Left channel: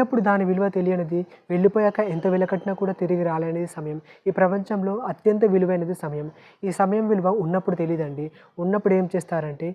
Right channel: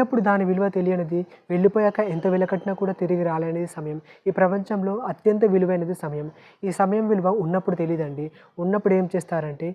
ఉన్నప్పుడు దాని విలువ తెలియనిది, వెళ్ళిపోయాక ఎంత వెలకట్టినా కూడా తిరిగి రాలేనిది సమయం. ఈ ప్రపంచంలో అత్యంత విలువైనది సమయం. ఈ సమయం విలువ ఉన్నప్పుడు తెలీదండి. ఉన్నప్పుడు ఏం చేస్తారంటే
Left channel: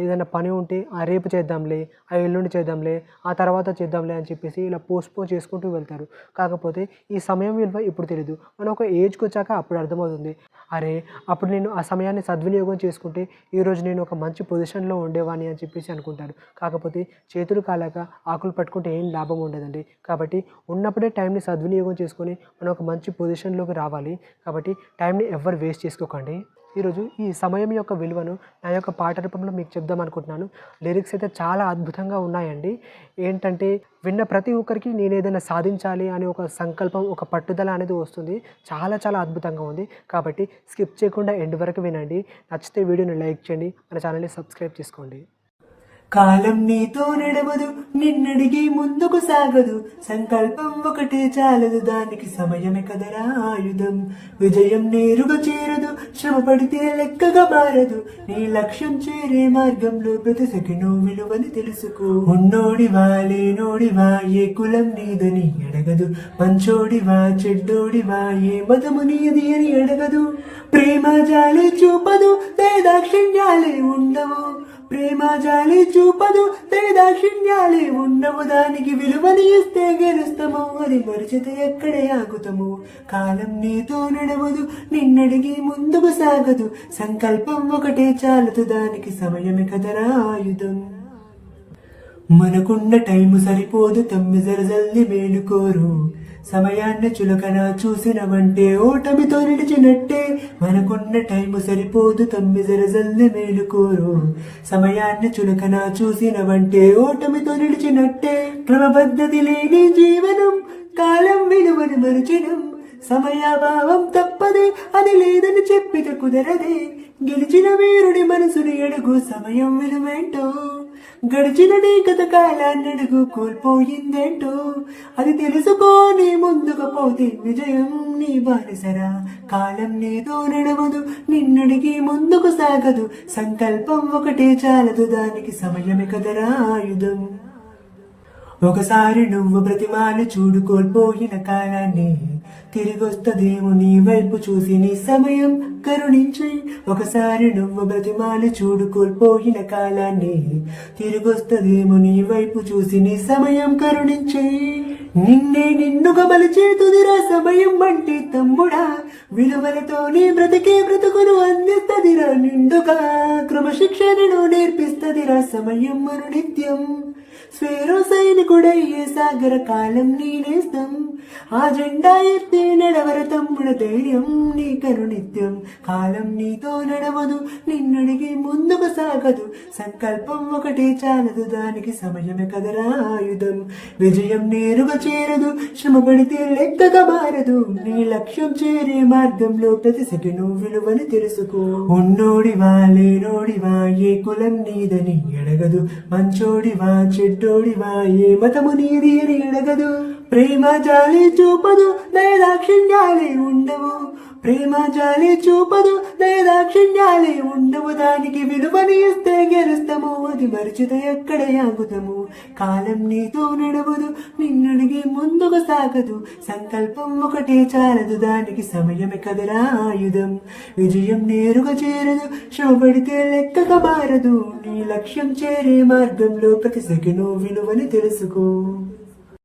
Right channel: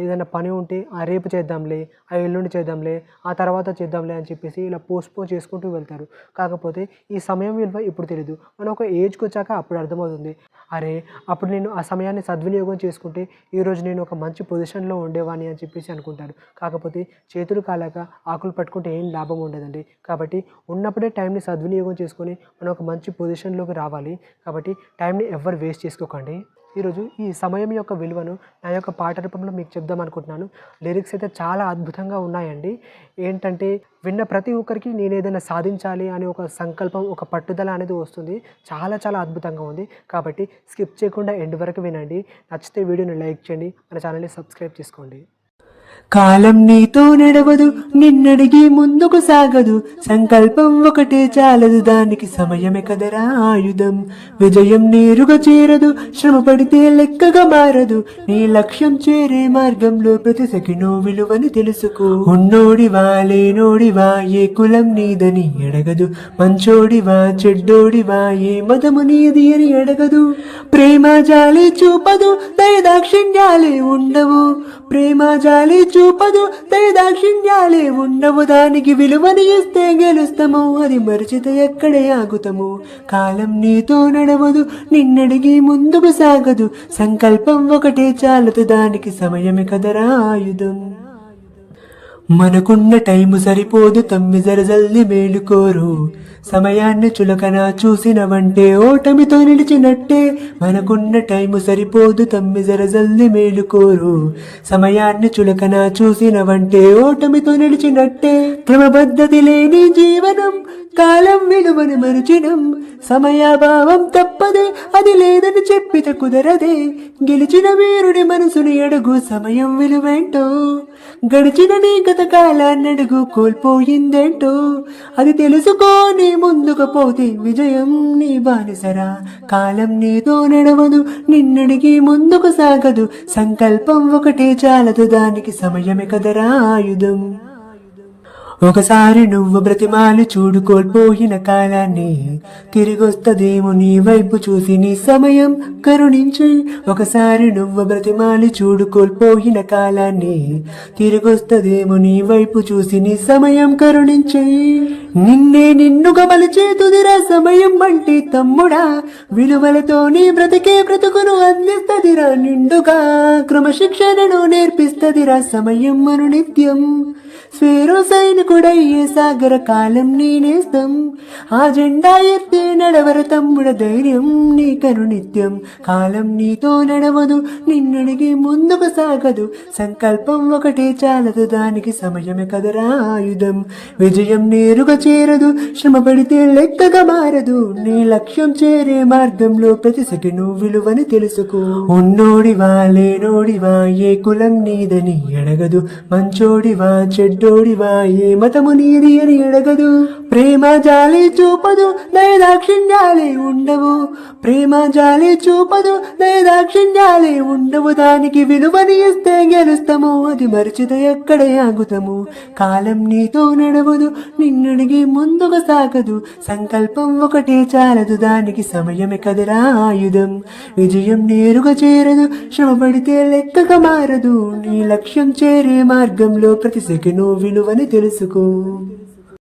ఏదైనా పని ఉంటే రేపు చేద్దాంలే, ఎల్లుండి చేద్దాంలే, ఆ తర్వాత చేద్దాంలే అని చెప్పేసి ఇలా పోస్ట్‌పోన్ చేసుకుంటూ వెళ్తారు. కాకపోతే ఈ సమయం విలువ ఇప్పుడు తెలీదు. మనం ఒక ఏజ్‌కొచ్చాక అప్పుడు అర్థమవుతుంది. అరే! అప్పుడు నేను ఆ సమయాన్ని సద్వినియోగం చేసుకుంటే ఈరోజు నేను ఒక మంచి పొజిషన్‌లో ఉండేవాడిని అని చెప్పేసి అనుకుంటారు. కాకపోతే చేతులు కాలాక ఆకులు పట్టుకుంటే ఏం లాభం ఉండదండి. కాబట్టి ఉన్నప్పుడే టైంని సద్వినియోగం చేసుకొని మనం ఒక మంచి పొజిషన్‌లోకి రావాలి. కాబట్టి టైంని ఎవ్వరు వేస్ట్ చేసుకోకండి. ఈరోజు ఈ సమయం యొక్క విలువను నా యొక్క పాట రూపంలో మీకు చెప్దాం అనుకుంటున్నాను. లిరిక్స్ అయితే చాలా అద్భుతంగా ఉన్నాయండి. ఏంటంటే విన్న ప్రతి ఒక్కరికి నేను ఏదైనా సాధించాలి అనే ఒక సంకల్పం, ఒక పట్టుదల అనేది వస్తుంది. చాలా చాలా అద్భుతంగా ఉంది. కాబట్టి స్కిప్ చేయకుండా ఎండ్ వరకు వినండి. నచ్చితే వీడియోని లైక్ చేయండి. మన ఛానల్‌ని సబ్స్క్రైబ్ చేసుకోండి. కాలం నీతో నడవదు, నిన్నడిగి ముందుకు సాగదు. సంకల్పం ఒకటే చాలదు, దానికి సమయమే కదరా ఆయుధం. విజయం నేరుగా చేరదు, శ్రమ పడితే లెక్కగా మారదు. నీ లక్ష్యం చేరే మార్గంలో ప్రతి సెకను విలువని తెలుసుకో. ఉన్నోడివా లేనోడివా, ఏ కులం నీదని అడగదు. మంచోడివా చెడ్డోడివా, ఏ మతము నీది అని అడగదు. ప్రేమ జాలి చూపదు, దయదాక్షిణ్యాలే ఉండవు. ప్రేమ జాలి చూపదు, దయదాక్షిణ్యాలే ఉండవు. దానికి విలువని ఇస్తే గెలుస్తాము, అది మరిచితే ఎక్కడే ఆగుతాము. కాలం నీతో నడవదు, నిన్నడిగి ముందుకు సాగదు. సంకల్పం ఒకటే చాలదు, దానికి సమయమే కదరా ఆయుధం. మనకున్న టైము సరిపోదు, తమ్మి జరజల్లి మేలుకోరు. సమయాన్ని చులకన చూసినవంటే ఓటమితో నిలిచినట్టే. మనకున్న టైము సరిపోదు, తమ్మి జరజల్లి మేలుకోరు. సమయాన్ని చులకన చూసినవంటే ఓటమితో నిలిచినట్టే. క్రమబద్ధతి లేని జీవనం, కాలం విలువను మరచినం. సమయాభావం తప్పదే, అది లేదని చెప్పితే కుదరదే. గెలిచిన వీరుడి మనసుని అడుగు, సమయం విలువేంటో. గడిచిన నీ గత కాలాన్నడుగు, కోల్పోయిందేంటో అది తెలుసుకోని ముందుకు పోతే విజయం నీ బానిసరా. కాలం నీతో నడవదు, నిన్నడిగి ముందుకు సాగదు. సంకల్పం ఒకటే చాలదు, దానికి సమయమే కదరా ఆయుధం. ఒకసారి నువ్వు బ్రతిమాలి చూడు కోల్పోయిన కాలాన్ని, తిరిగొస్తదేమో నీ వైపు చూసి నీ సమయం కరుణించి. ఒకసారి నువ్వు బ్రతిమాలి చూడు కోల్పోయిన కాలాన్ని, తిరిగొస్తదేమో నీ వైపు చూసి నీ సమయం కరుణించి. నిన్నే నిన్నుగా మలిచే తుదిరా సమయం అంటే తమ్ముడా. విలువలతో నీ బ్రతికే బ్రతుకును అందిస్తదిరా నిండుగా. క్రమశిక్షణను నేర్పిస్తదిరా సమయం మను నిత్యం. స్వేరో సైనికుడయ్యే సాగర కాలం నేనేస్తం. ఆ జెండా ఎత్తే నడవర తమ్ముడ, ధైర్యం నీకను నిత్యం. కాలం నీతో నడవదు, నిన్నడిగి ముందుకు సాగదు. సంకల్పం ఒకటే చాలదు, దానికి సమయమే కదరా ఆయుధం. విజయం నేరుగా చేరదు, శ్రమ పడితే లెక్కగా మారదు. నీ లక్ష్యం చేరే మార్గంలో ప్రతి సెకను విలువని తెలుసుకో. ఉన్నోడివా లేనోడివా, ఏ కులం నీదని అడగదు. మంచోడివా చెడ్డోడివా, ఏ మతము నీది అని అడగదు. ప్రేమ జాలి చూపదు, దయదాక్షిణ్యాలే ఉండవు. ప్రేమ జాలి చూపదు, దయదాక్షిణ్యాలే ఉండవు. దానికి విలువని ఇస్తే గెలుస్తాము, అది మరిచితే ఎక్కడే ఆగుతాము. కాలం నీతో నడవదు, నిన్నడిగి ముందుకు సాగదు. సంకల్పం ఒకటే చాలదు, దానికి సమయమే కదరా ఆయుధం. విజయం నేరుగా చేరదు, శ్రమ పడితే లెక్కగా మారదు. నీ లక్ష్యం చేరే మార్గంలో ప్రతి సెకను విలువని తెలుసుకో.